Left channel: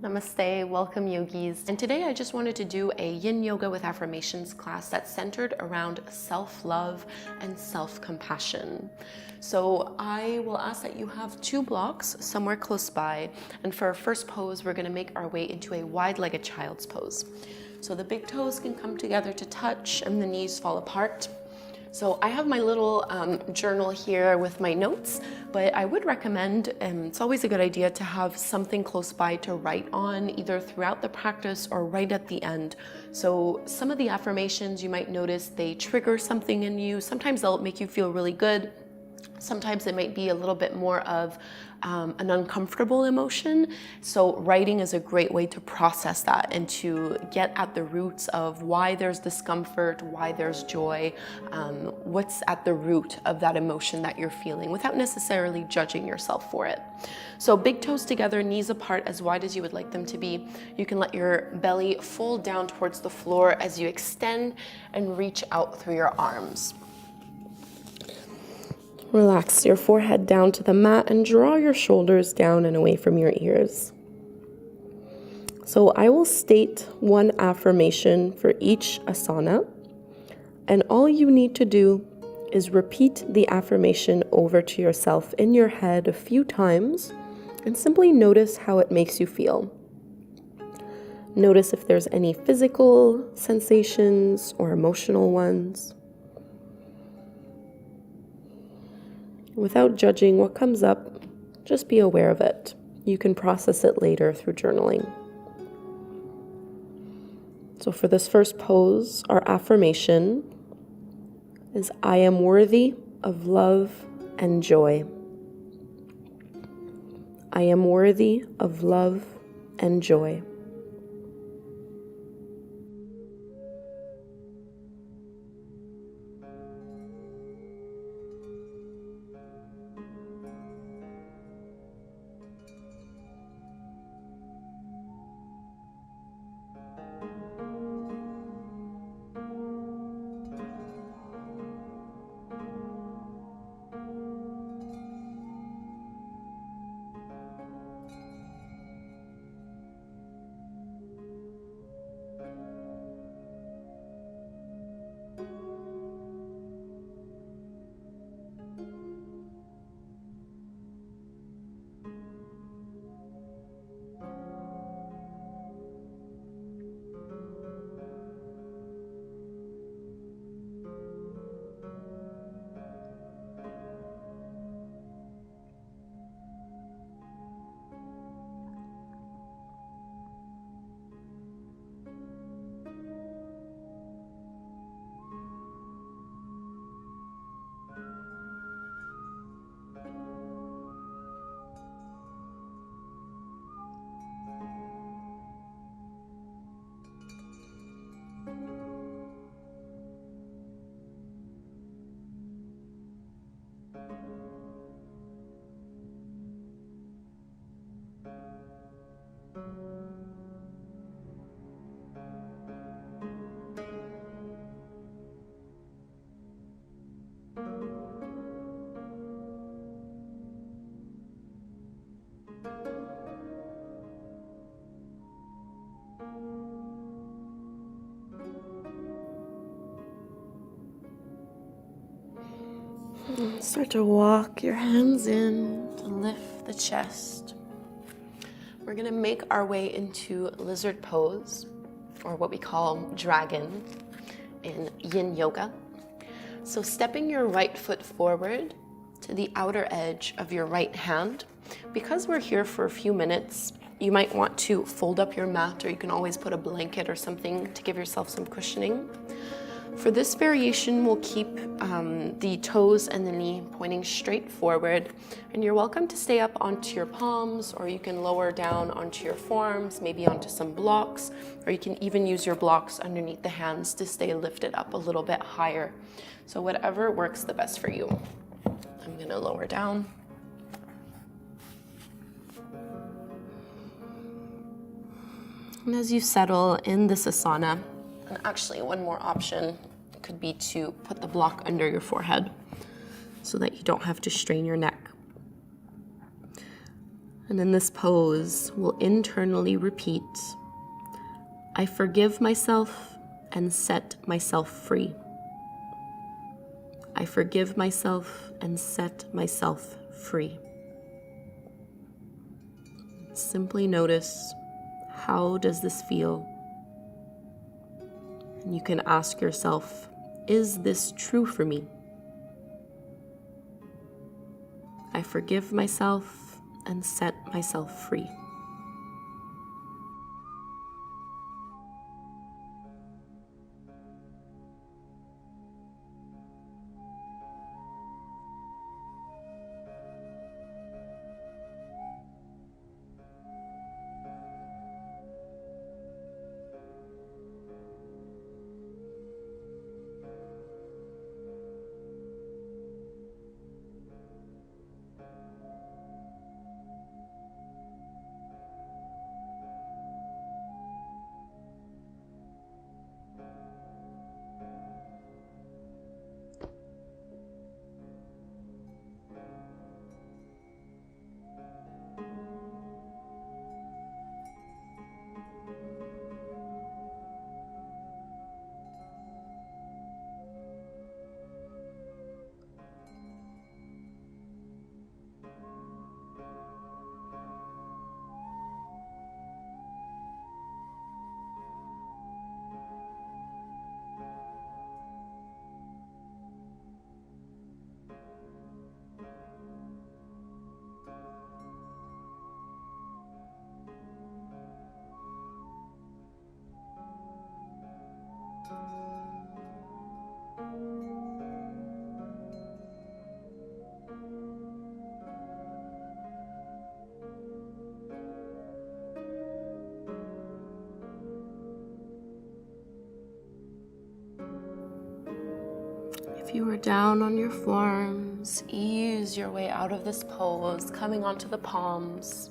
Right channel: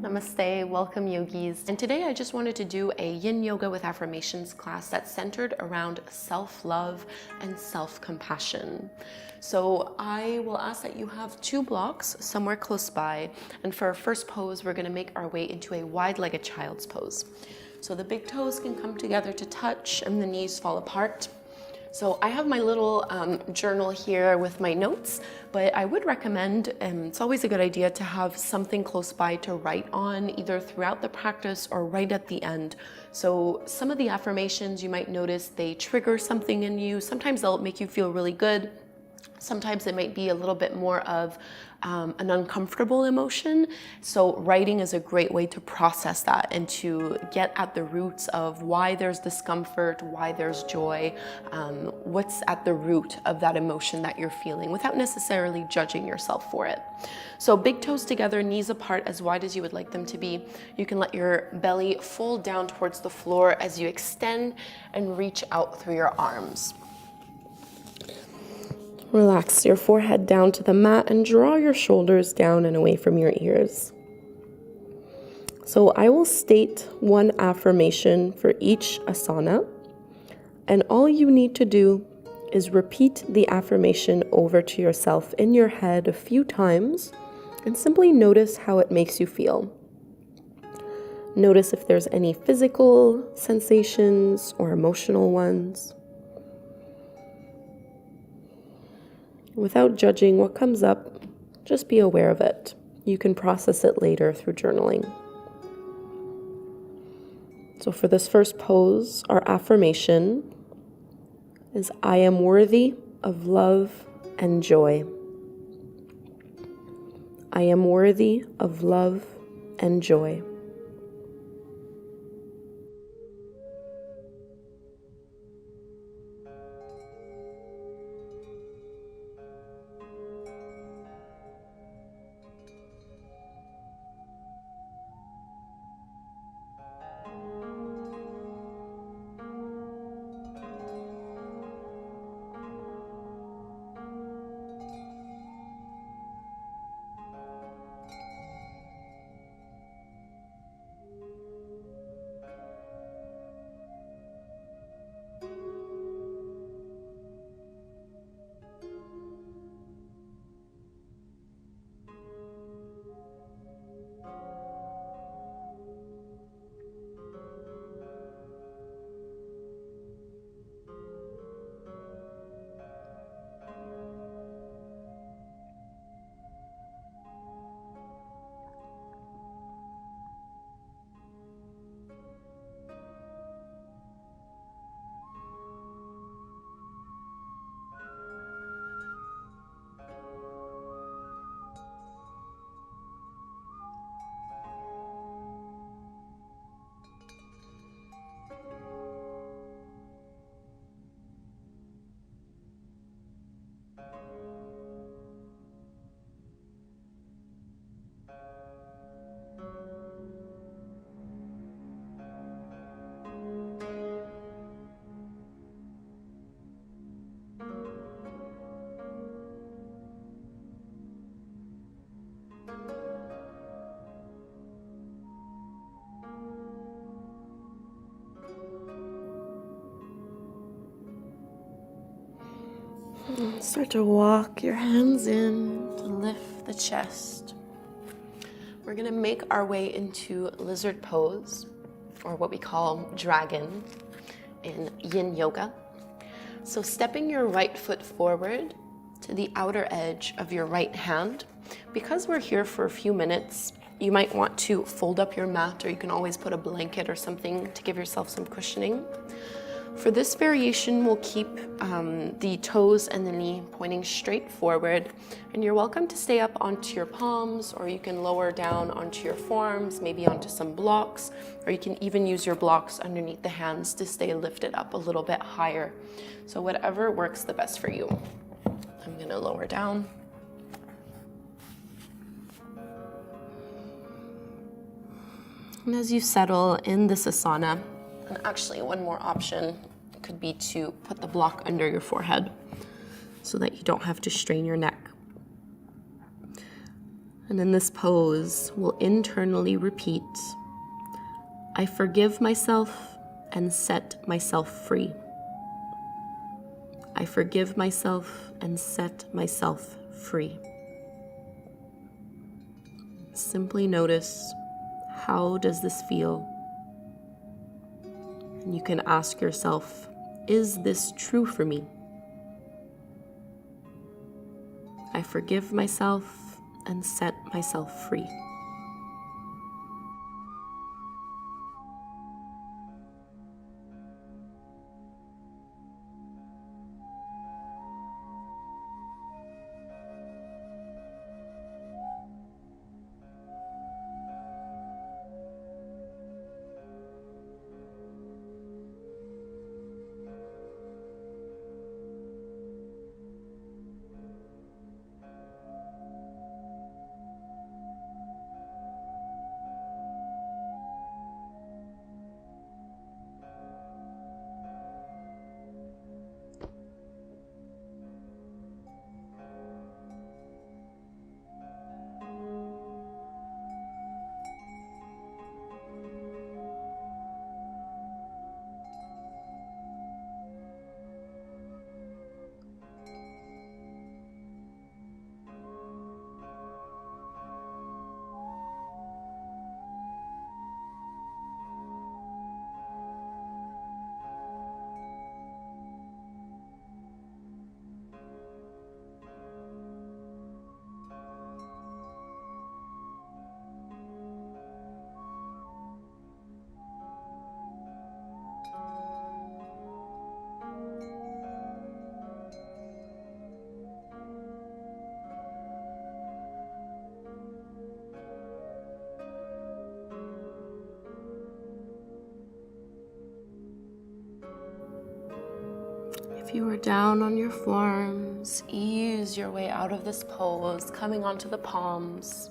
Namaste, welcome yogis. And today I just wanted to do a yin yoga with affirmations class that's centered around self-love and self-compassion. So I will ask that you have 2 blocks somewhere close by. And for our first pose, we're gonna make our way into a wide-legged child's pose. So the big toes can come together to touch and the knees fall apart. So I have my little journal here with my notes, but I would recommend, it's always a good idea to have something close by to write on, either throughout the practice or right at the end. So some of the affirmations you might notice, they trigger something in you. Sometimes they'll make you feel really good. Sometimes it might be a little bit more of an uncomfortable emotion. So writing is a great way to process that and to get at the roots of why there's discomfort, why there's joy, what's at the root of that emotion that you're feeling without necessarily judging yourself for it. So big toes together, knees apart as wide as you would like them to be. You can let your belly fold down towards the floor as you extend and reach out through your arms. Relax your forehead down to the mat and draw your shoulders down and away from your ears. So I will state one affirmation for each asana, and all you need to do is repeat the affirmation over to yourself in your head a few times and simply notice how it makes you feel. Notice if there's any physical sensations or emotional ones. Without judging what comes up, just be aware of it. You can process it later through journaling. So for this first pose, our affirmation is, I am worthy of love and joy. I am worthy of love and joy. Start to walk your hands in to lift the chest. We're going to make our way into lizard pose, or what we call dragon in yin yoga. So stepping your right foot forward to the outer edge of your right hand. Because we're here for a few minutes, you might want to fold up your mat, or you can always put a blanket or something to give yourself some cushioning. For this variation, we'll keep the toes and the knee pointing straight forward, and you're welcome to stay up onto your palms, or you can lower down onto your forearms, maybe onto some blocks, or you can even use your blocks underneath the hands to stay lifted up a little bit higher. So whatever works the best for you. I'm gonna lower down. And as you settle in this asana, and actually one more option could be to put the block under your forehead so that you don't have to strain your neck. And in this pose, we'll internally repeat, I forgive myself and set myself free. I forgive myself and set myself free. Simply notice, how does this feel? And you can ask yourself, is this true for me? I forgive myself and set myself free. If you are down on your forearms, ease your way out of this pose, coming onto the palms.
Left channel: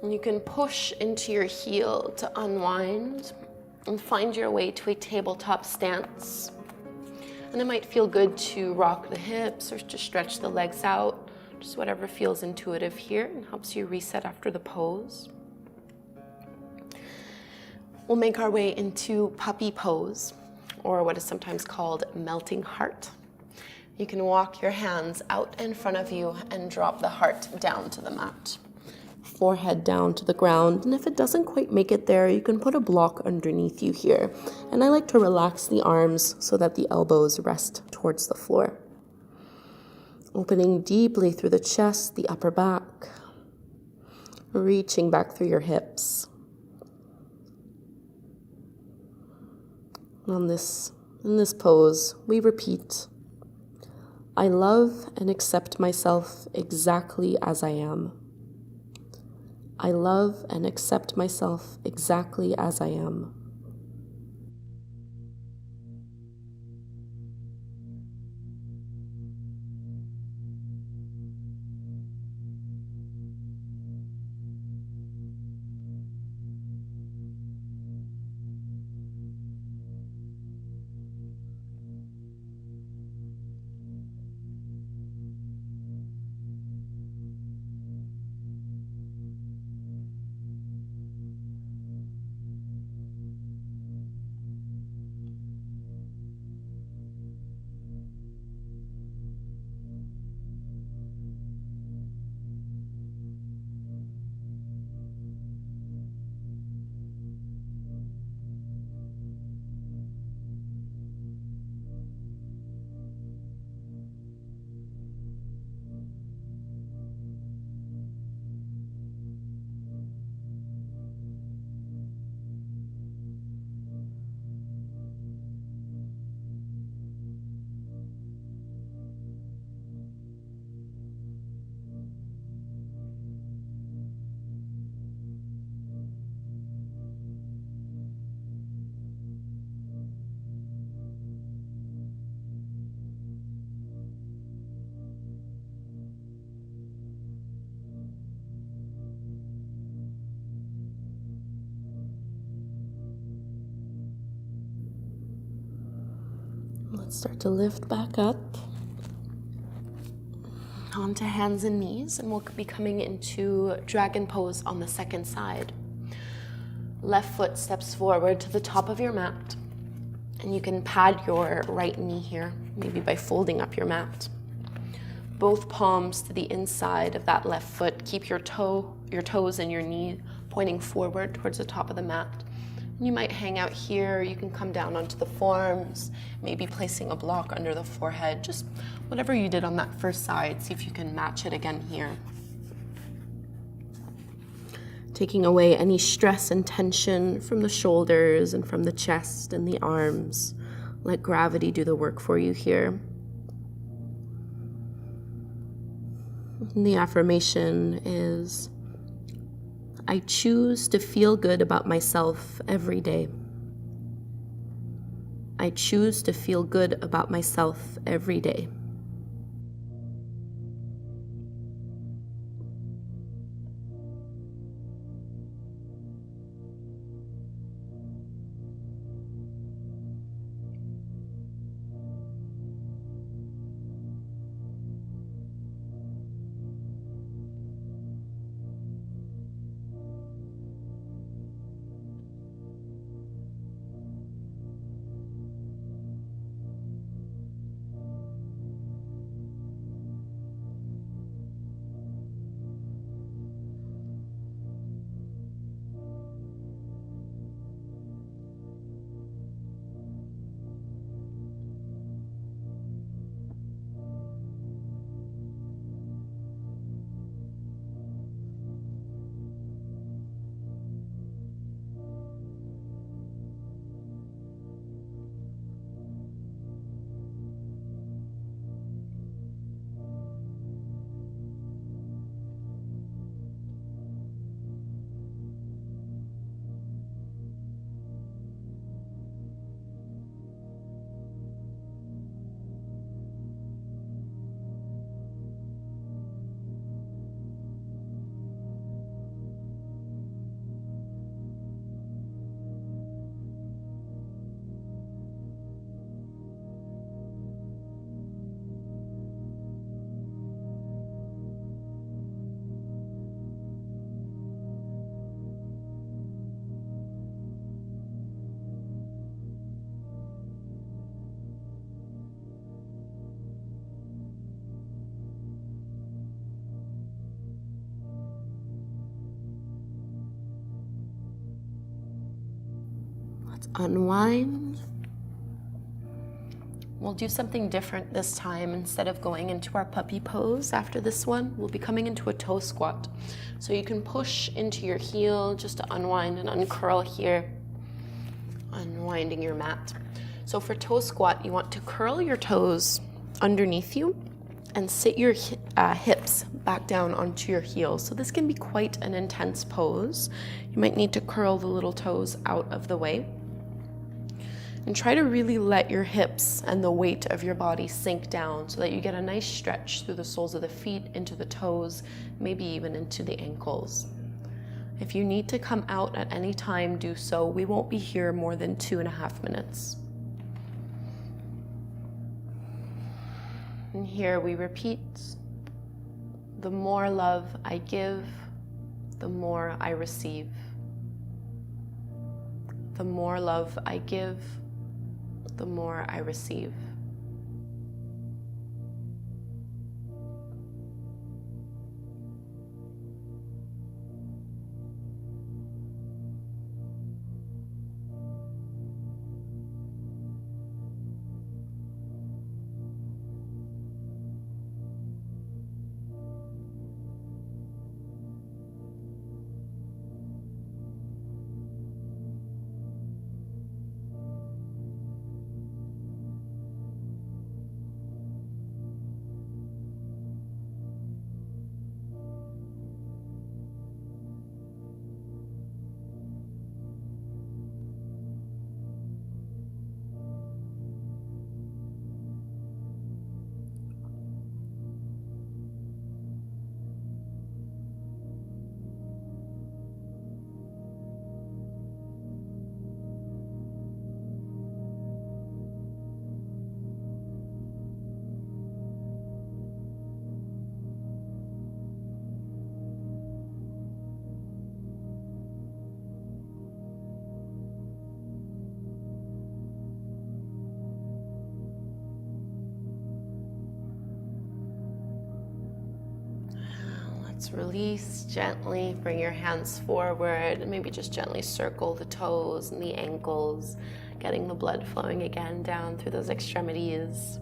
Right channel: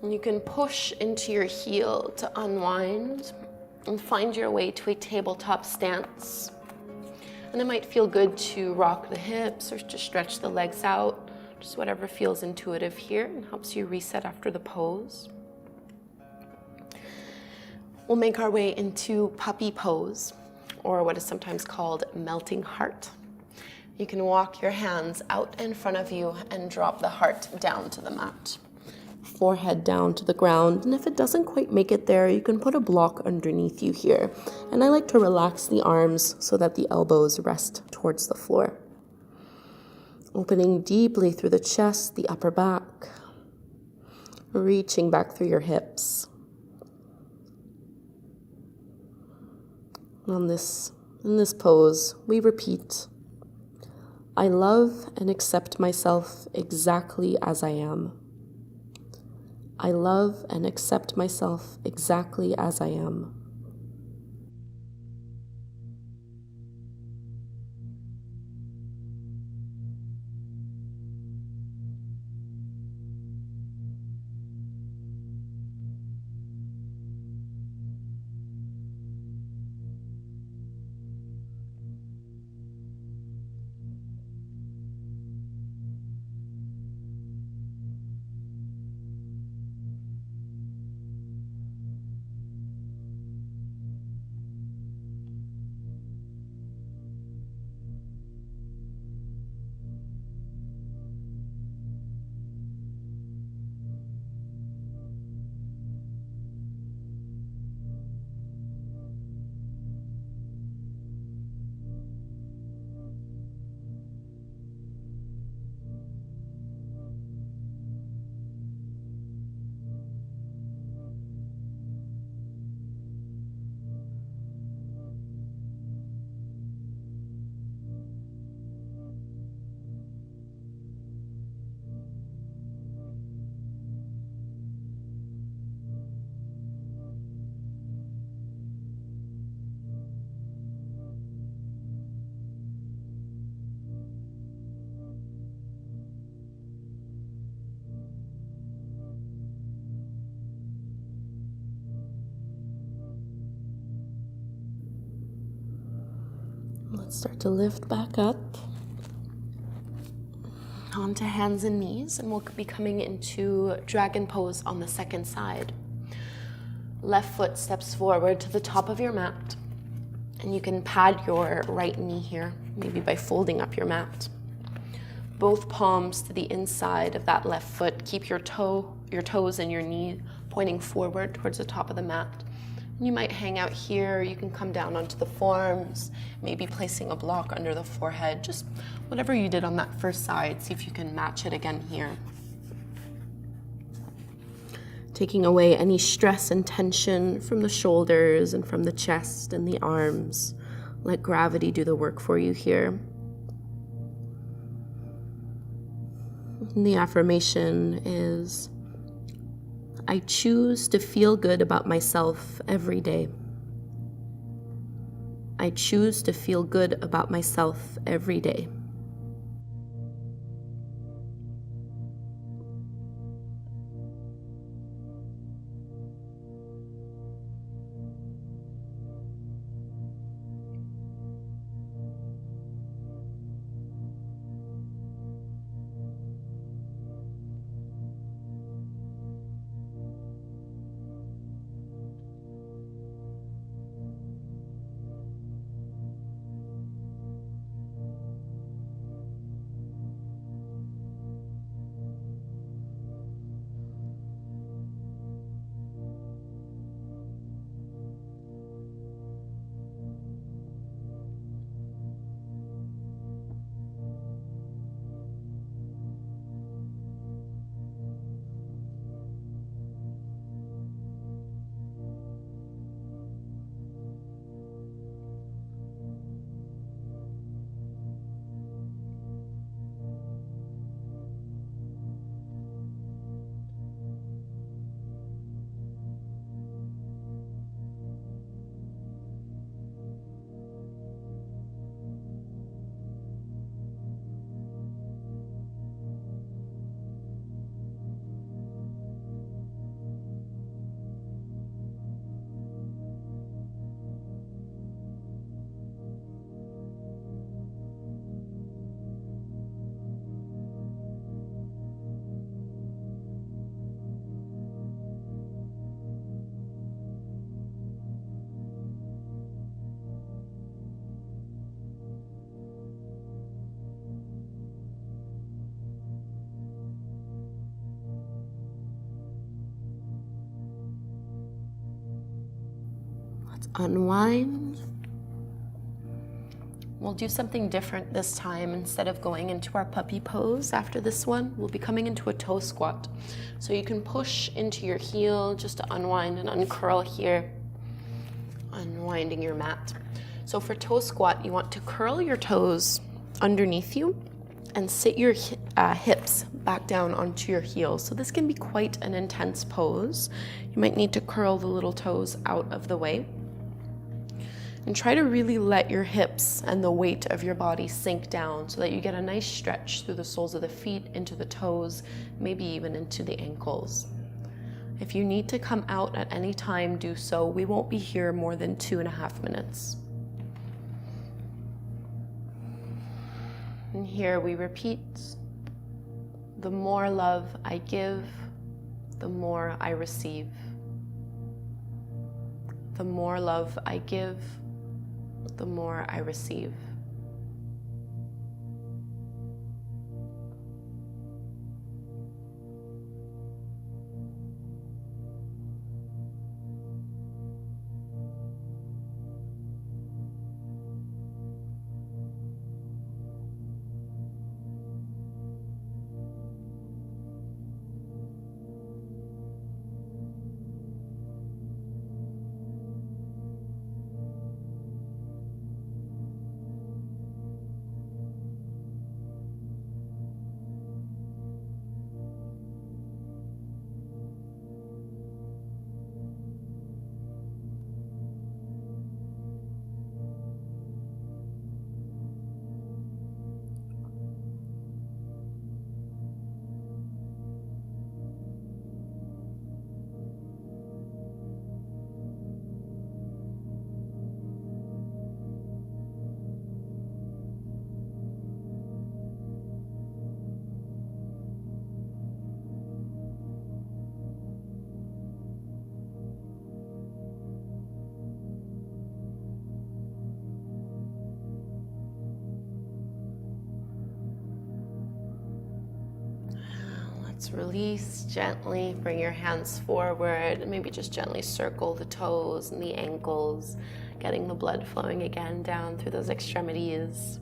And you can push into your heel to unwind and find your way to a tabletop stance. And it might feel good to rock the hips or to stretch the legs out, just whatever feels intuitive here and helps you reset after the pose. We'll make our way into puppy pose, or what is sometimes called melting heart. You can walk your hands out in front of you and drop the heart down to the mat. Forehead down to the ground, and if it doesn't quite make it there, you can put a block underneath you here. And I like to relax the arms so that the elbows rest towards the floor. Opening deeply through the chest, the upper back, reaching back through your hips. In this pose, we repeat, I love and accept myself exactly as I am. I love and accept myself exactly as I am. Let's start to lift back up. Onto hands and knees, and we'll be coming into dragon pose on the second side. Left foot steps forward to the top of your mat, and you can pad your right knee here, maybe by folding up your mat. Both palms to the inside of that left foot. Keep your toes and your knee pointing forward towards the top of the mat. You might hang out here, you can come down onto the forearms, maybe placing a block under the forehead, just whatever you did on that first side, see if you can match it again here. Taking away any stress and tension from the shoulders and from the chest and the arms. Let gravity do the work for you here. And the affirmation is, I choose to feel good about myself every day. I choose to feel good about myself every day. Unwind. We'll do something different this time. Instead of going into our puppy pose after this one, we'll be coming into a toe squat. So you can push into your heel just to unwind and uncurl here, unwinding your mat. So for toe squat, you want to curl your toes underneath you and sit your hips back down onto your heels. So this can be quite an intense pose. You might need to curl the little toes out of the way. And try to really let your hips and the weight of your body sink down so that you get a nice stretch through the soles of the feet, into the toes, maybe even into the ankles. If you need to come out at any time, do so. We won't be here more than 2.5 minutes. And here we repeat, the more love I give, the more I receive. The more love I give, the more I receive. release gently, bring your hands forward, and maybe just gently circle the toes and the ankles, getting the blood flowing again down through those extremities.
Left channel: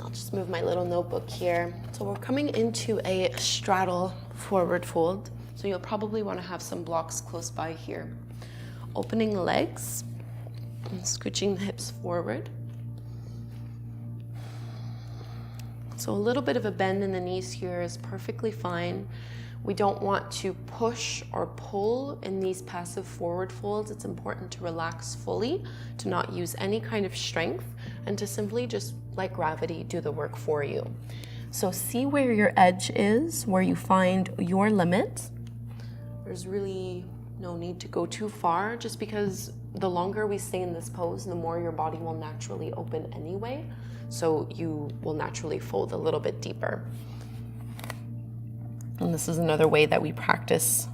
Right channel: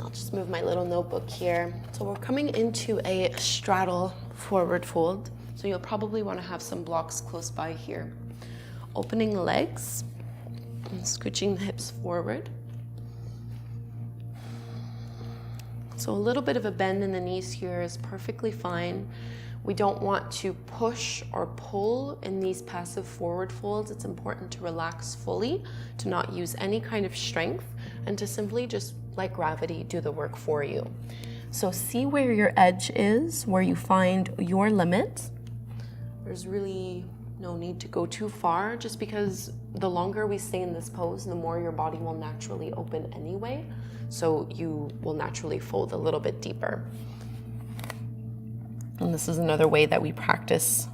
I'll just move my little notebook here. So we're coming into a straddle forward fold. So you'll probably want to have some blocks close by here. Opening the legs and scooching the hips forward. So a little bit of a bend in the knees here is perfectly fine. We don't want to push or pull in these passive forward folds. It's important to relax fully, to not use any kind of strength, and to simply just let gravity do the work for you. So see where your edge is, where you find your limit. There's really no need to go too far, just because the longer we stay in this pose, the more your body will naturally open anyway. So you will naturally fold a little bit deeper. And this is another way that we practice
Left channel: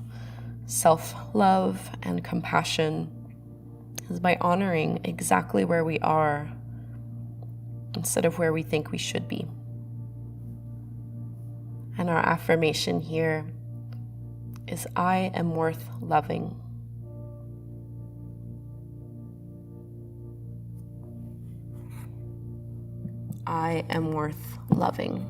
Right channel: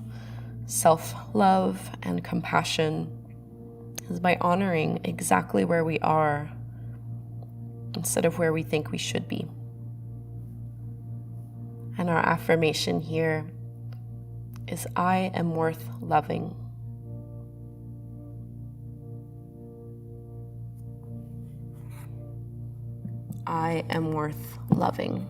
self-love and compassion, is by honoring exactly where we are instead of where we think we should be. And our affirmation here is, I am worth loving. I am worth loving.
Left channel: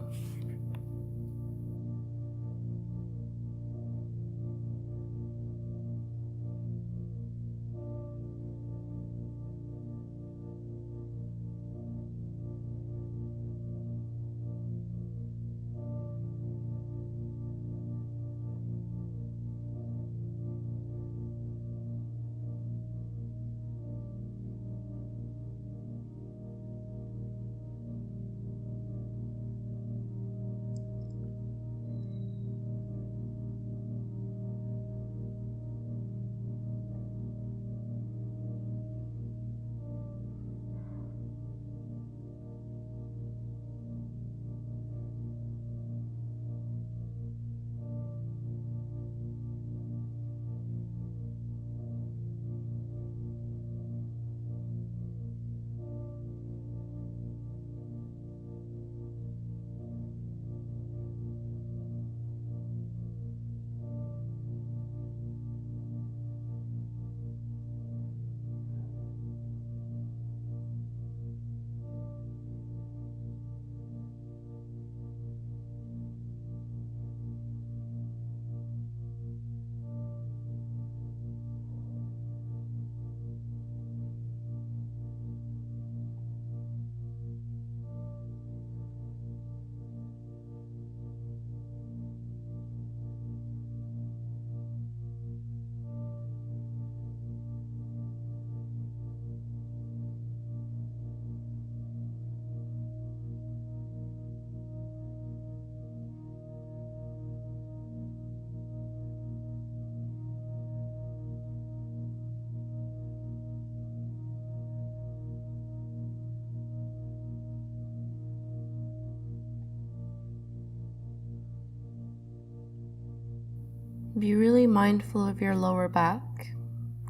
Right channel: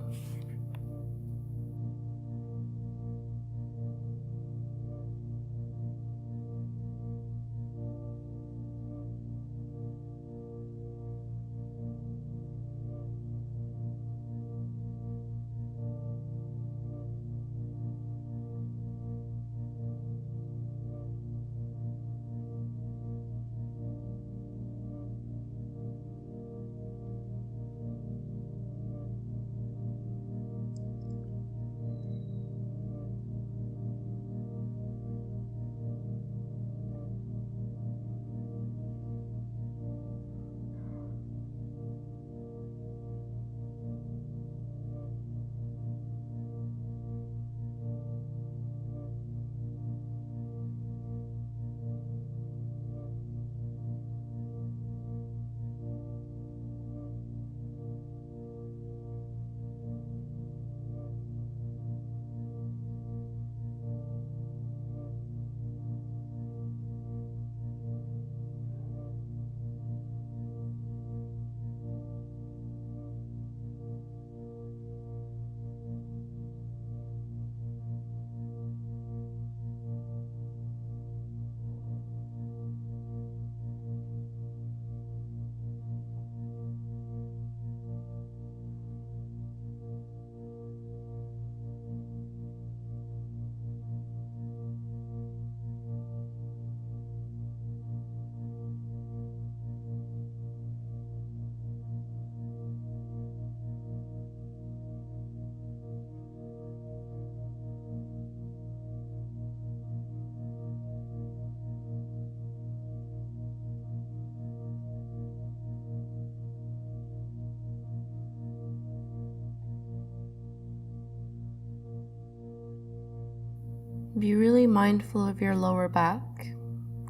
Be really mindful of your lower back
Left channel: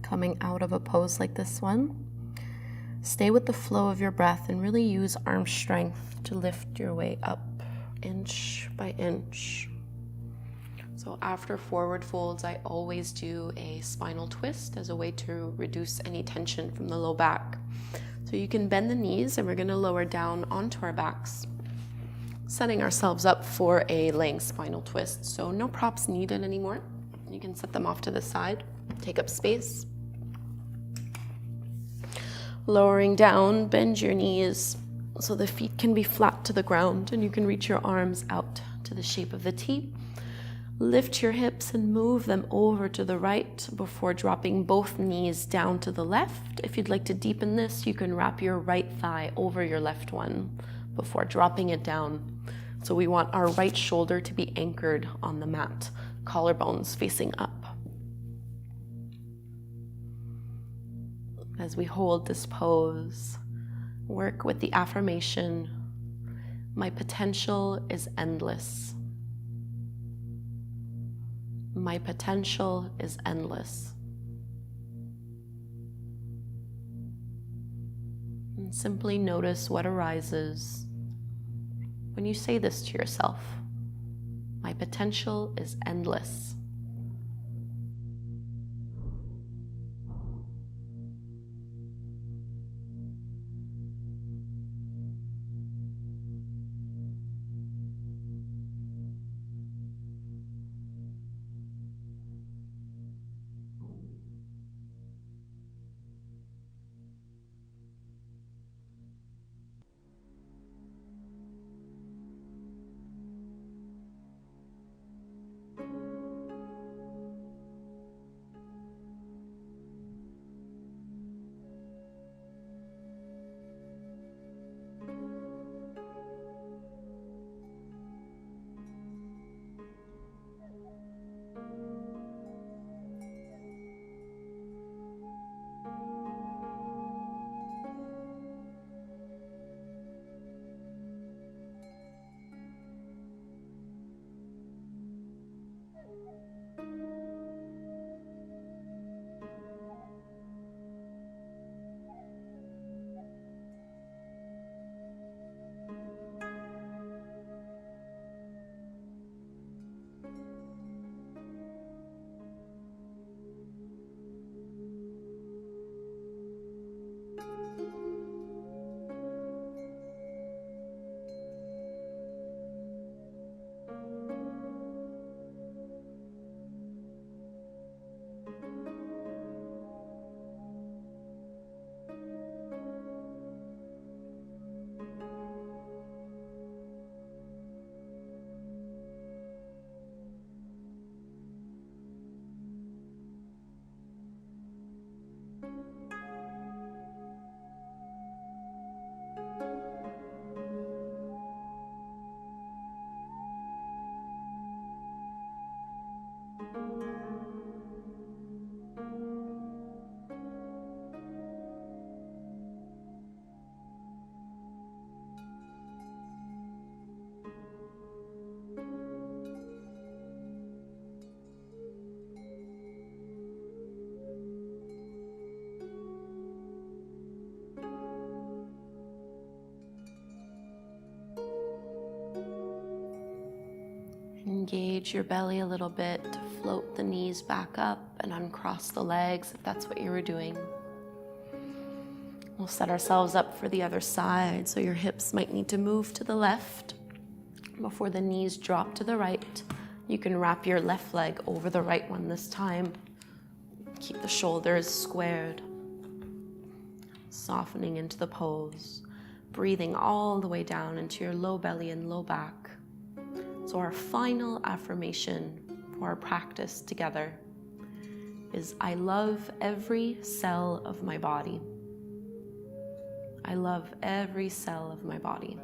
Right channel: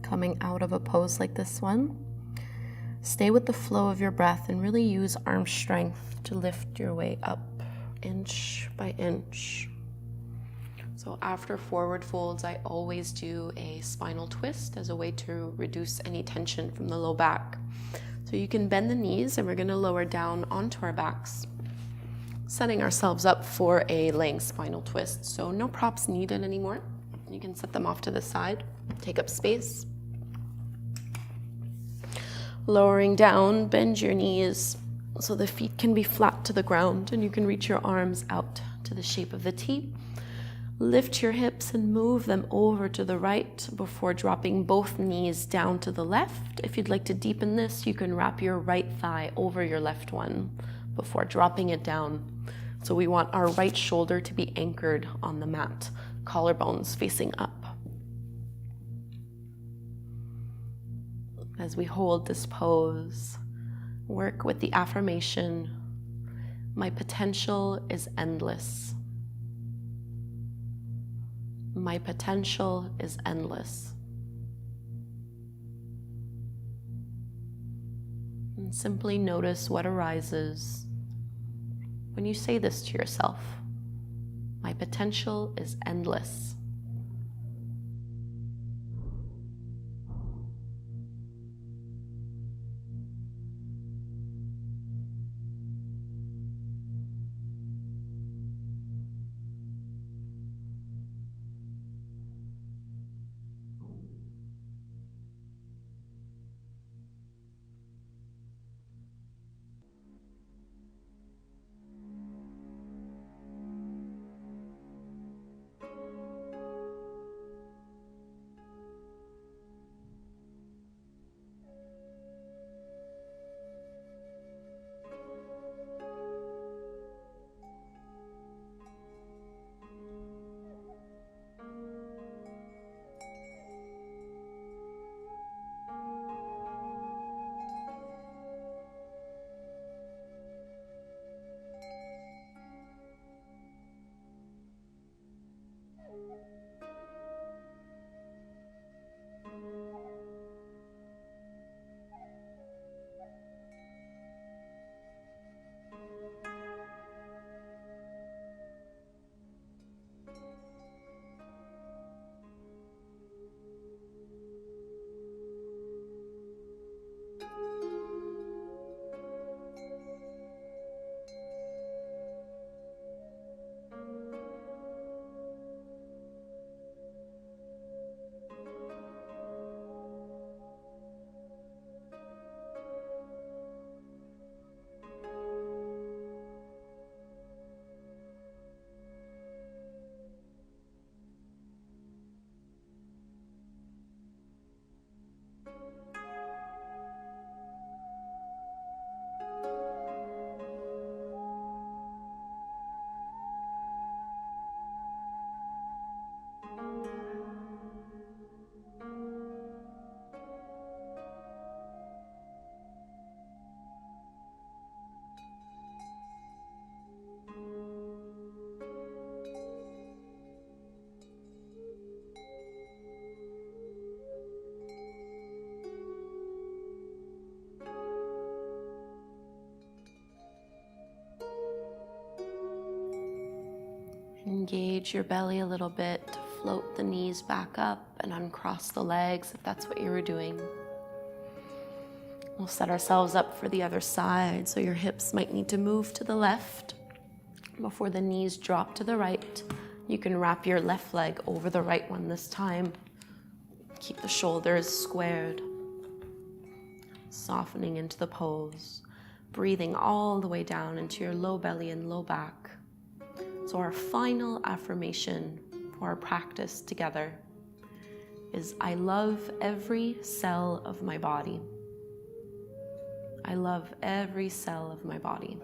coming out of a pose like this one. Stay with the flow of your breath and really use arm strength to lift your way up inch by inch. So after forward folds, I always do a spinal twist as a way to reduce any tension from the low back. So you can bend the knees and we're going to lower down onto our backs, setting ourselves up for a laying spinal twist. So no props needed anymore. You can set them off to the side, take up space. Lowering down, bend your knees so the feet can be flat to the ground and you can reach your arms out to the shape of the T. Lift your hips and move them over to the right before dropping both knees down to the left. If you'd like to deepen this, you can wrap your right thigh over your left one before dropping it down. So we want our right shoulder to be anchored on the mat, collarbones facing up. As we hold this pose, work with the affirmation, my potential is endless. My potential is endless. And simply notice what arises. when you say this to yourself, my potential is endless. Engage your belly a little bit to float the knees back up and uncross the legs if that's what you were doing. We'll set ourselves up for the other side, so your hips might need to move to the left before the knees drop to the right. You can wrap your left leg over the right one this time. Keep the shoulders squared. Softening into the pose, breathing all the way down into your low belly and low back. So our final affirmation for our practice together is, I love every cell of my body. I love every cell of my body.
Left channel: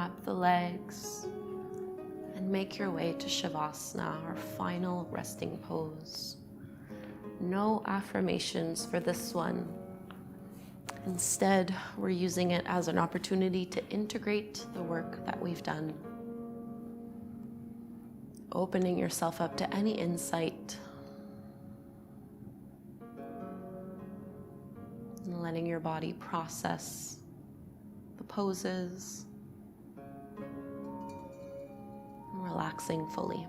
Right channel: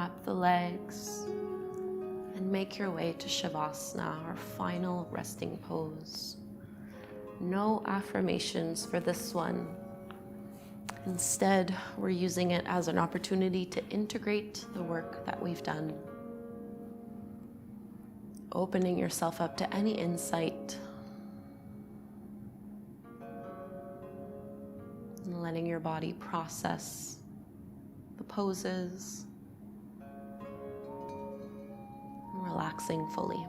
Unwrap the legs and make your way to Shavasana, our final resting pose. No affirmations for this one. Instead, we're using it as an opportunity to integrate the work that we've done. Opening yourself up to any insight and letting your body process the poses and relaxing fully.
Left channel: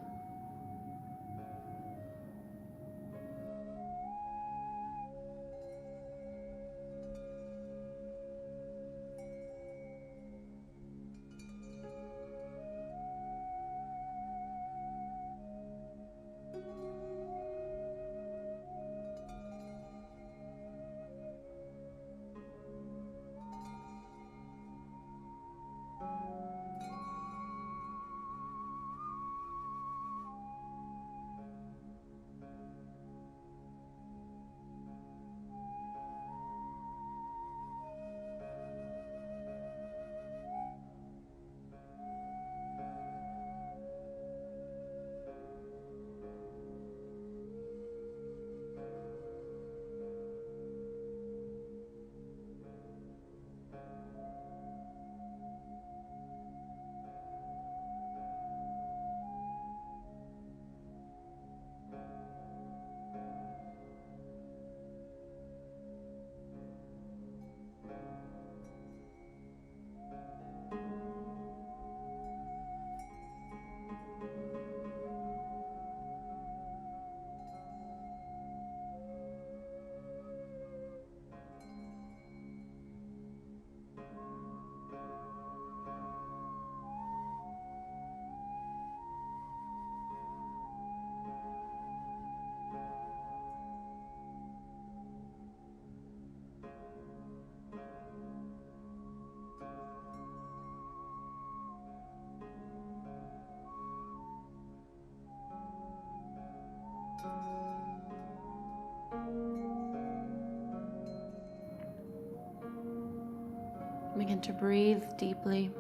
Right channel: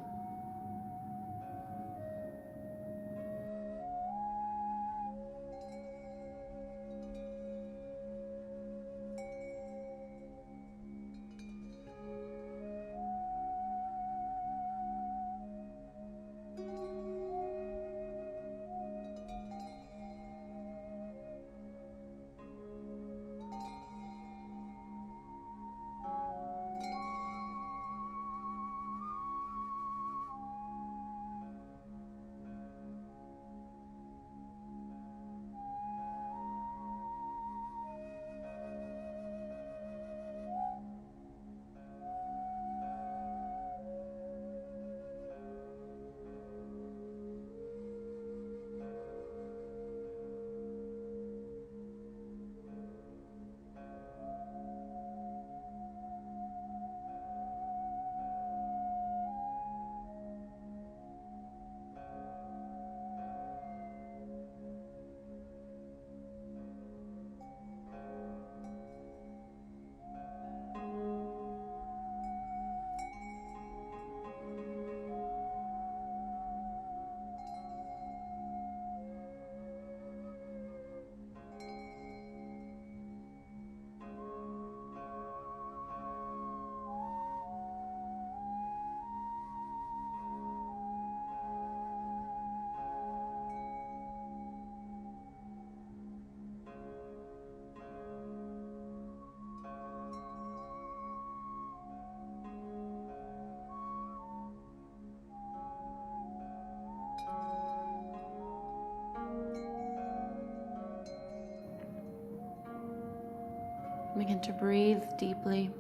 Begin to breathe deeply.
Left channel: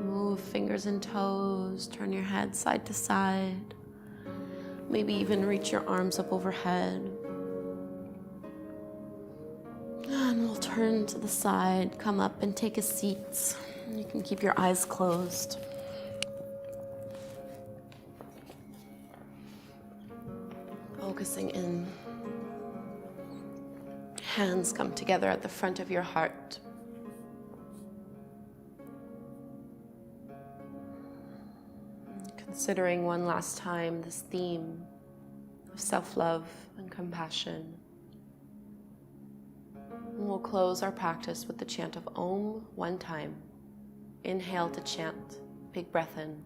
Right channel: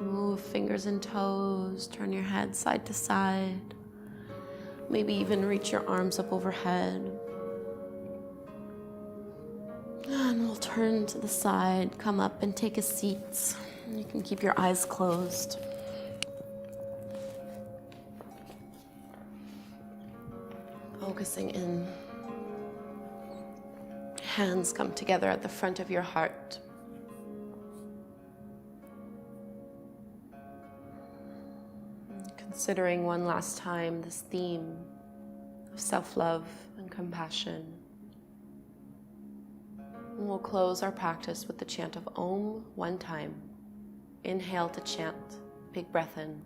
Move fingers and toes, turn your head side to side. Maybe even reach your arms up overhead. And we'll turn to the side, come up and take a seat. You can keep your eyes closed. Focusing in. Hands come together at the front of your heart. Considering one last time this theme of self-love and compassion. And we'll close our practice with the chant of Om one time. Inhale to chant. Big breath in.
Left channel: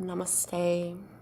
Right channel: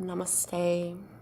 Namaste.